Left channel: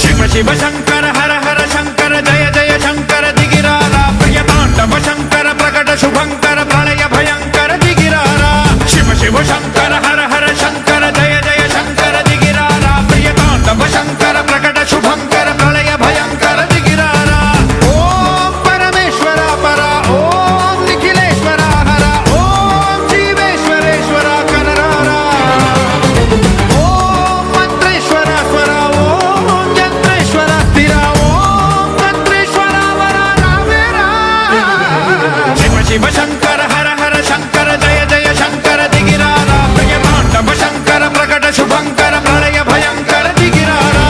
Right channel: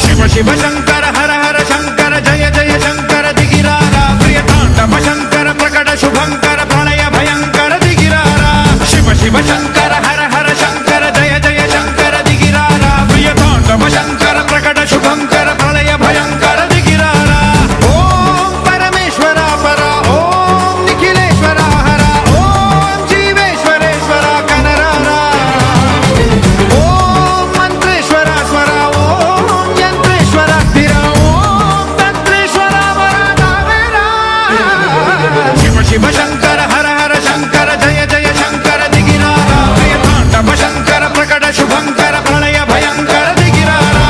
శివ శివ శంకర హర హర శంకర జయ జయ శంకర దిగిరారా ప్రియతాండవ శంకర ప్రకట శుభంకర ప్రళయ భయంకర దిగిరారా శివ శివ శంకర హర హర శంకర జయ జయ శంకర దిగిరారా ప్రియతాండవ శంకర ప్రకట శుభంకర ప్రళయ భయంకర దిగిరారా ఓం పరమేశ్వర పర ఓం నిఖిలేశ్వర హర ఓం జీవేశ్వరేశ్వర కరరారా ఓం మంత్రేశ్వర స్వర ఓం యంత్రేశ్వర స్థిర ఓం తంత్రేశ్వర వర నావేరా శివ శివ శంకర హర హర శంకర జయ జయ శంకర దిగిరారా ప్రియతాండవ శంకర ప్రకట శుభంకర ప్రళయ భయంకర దిగిరారా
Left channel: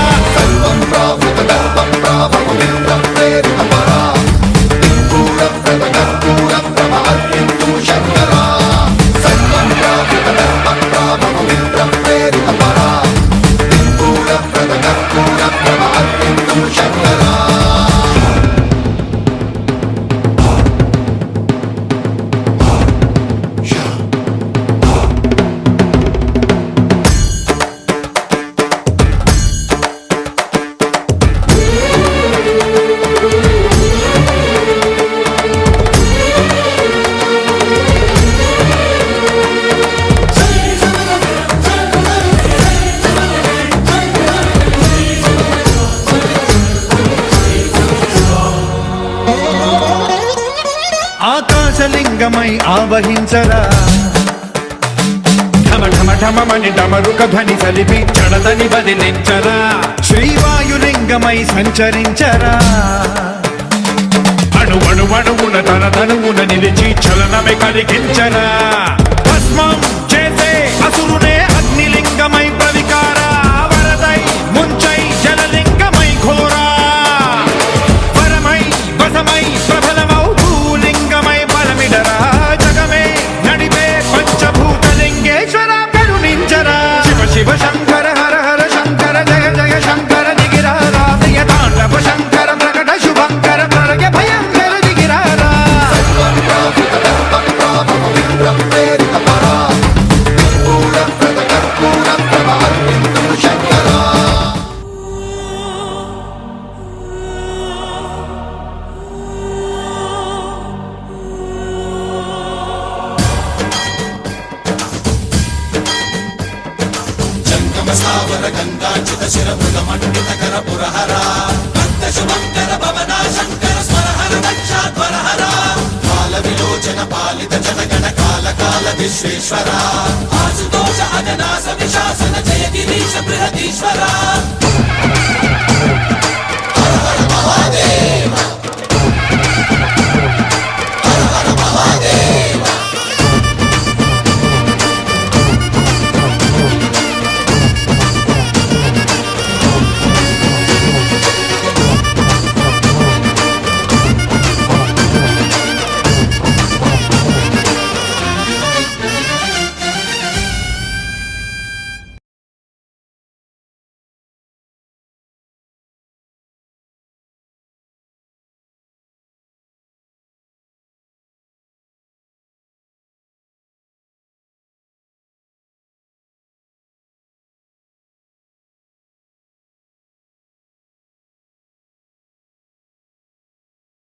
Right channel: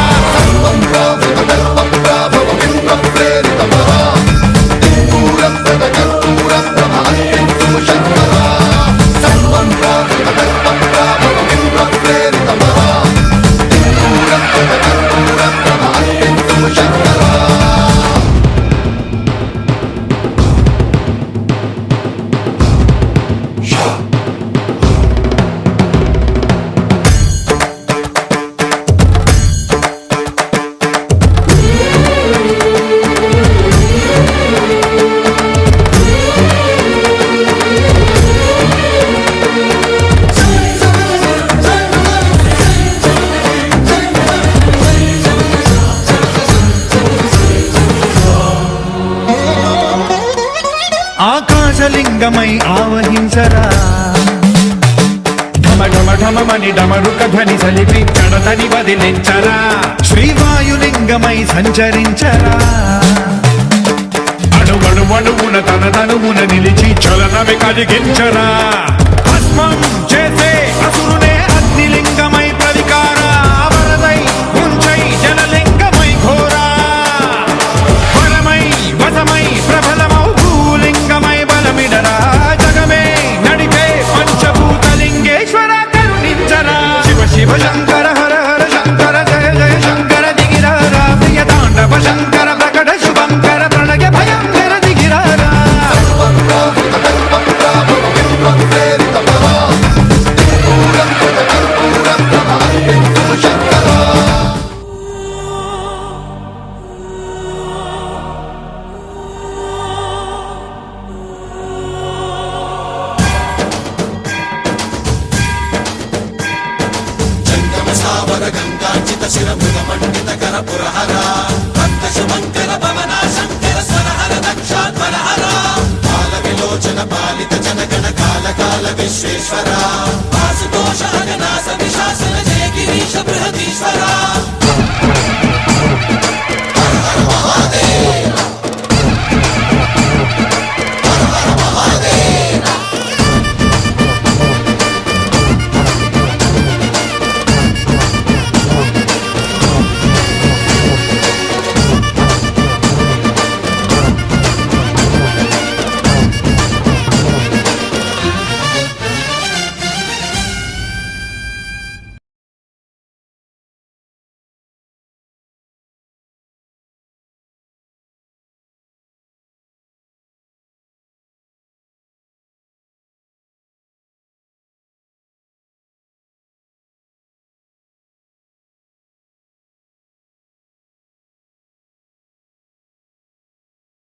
ఆకాశలింగమై ఆవహించరా ఢమ ఢమ ఢమమని డమరుక ధ్వని సలిపి జడదని బదిలించరా శ్రీవాయులింగమై సంచరించరా అణువణువున తన తనువున నిలిచి చలనమే కలిగించరా భస్మం చేసే అసురునే అగ్నిలింగమై ప్రవికార వరదై ముంచై జలలింగమై ఘోరా వరమై వసమై ప్రబలమౌ భూలింగమై బలమిడరా జగమే నడిపే పంచభూతలింగేశ్వర కరుణించరా శివ శివ శంకర హర హర శంకర జయ జయ శంకర దిగిరారా ప్రియతాండవ శంకర ప్రకట శుభంకర ప్రళయ భయంకర దిగిరారా జంగమ సావర గంగార్చిత శిర మృగ మండిత కర పురహర